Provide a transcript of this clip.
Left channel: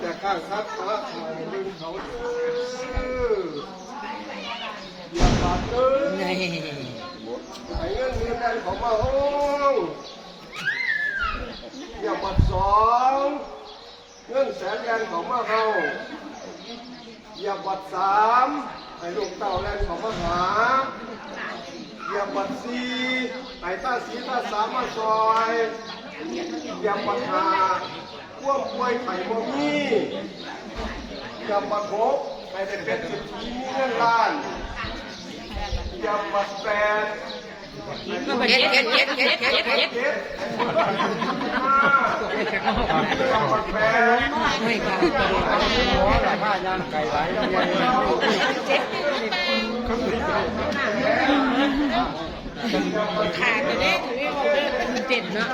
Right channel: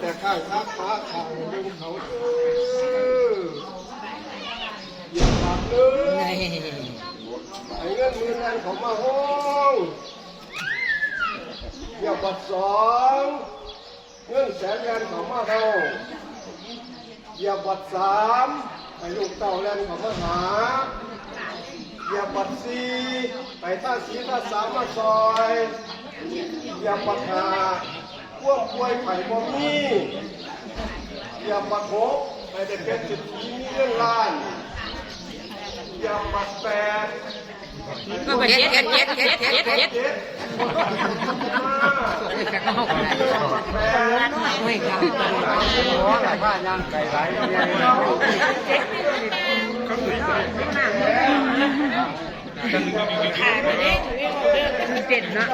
แต่ข้างทักฟ้าเขาดึงเขาอย่าปัดเลยไอ้เงินมีแฟนของมาห้องอย่าปัดสองเงินแสนแรงของมาเฮาอย่าปัดสามให้ลูกเต่าแรงของมาหาอย่าปัดสี่ให้ตาสีตาสามมาซอยอย่าปัดห้าพวกป่วยไข่บ่มีอย่าปัดหกให้ได้เป็นสิบปีมีเงินล้านอย่าปัดแปดก็ไปเก็ดอย่าปัดแปดไม่ขาดหัวไหลผ้ายางไก่ไหลขาดเลยเจ็ดนะ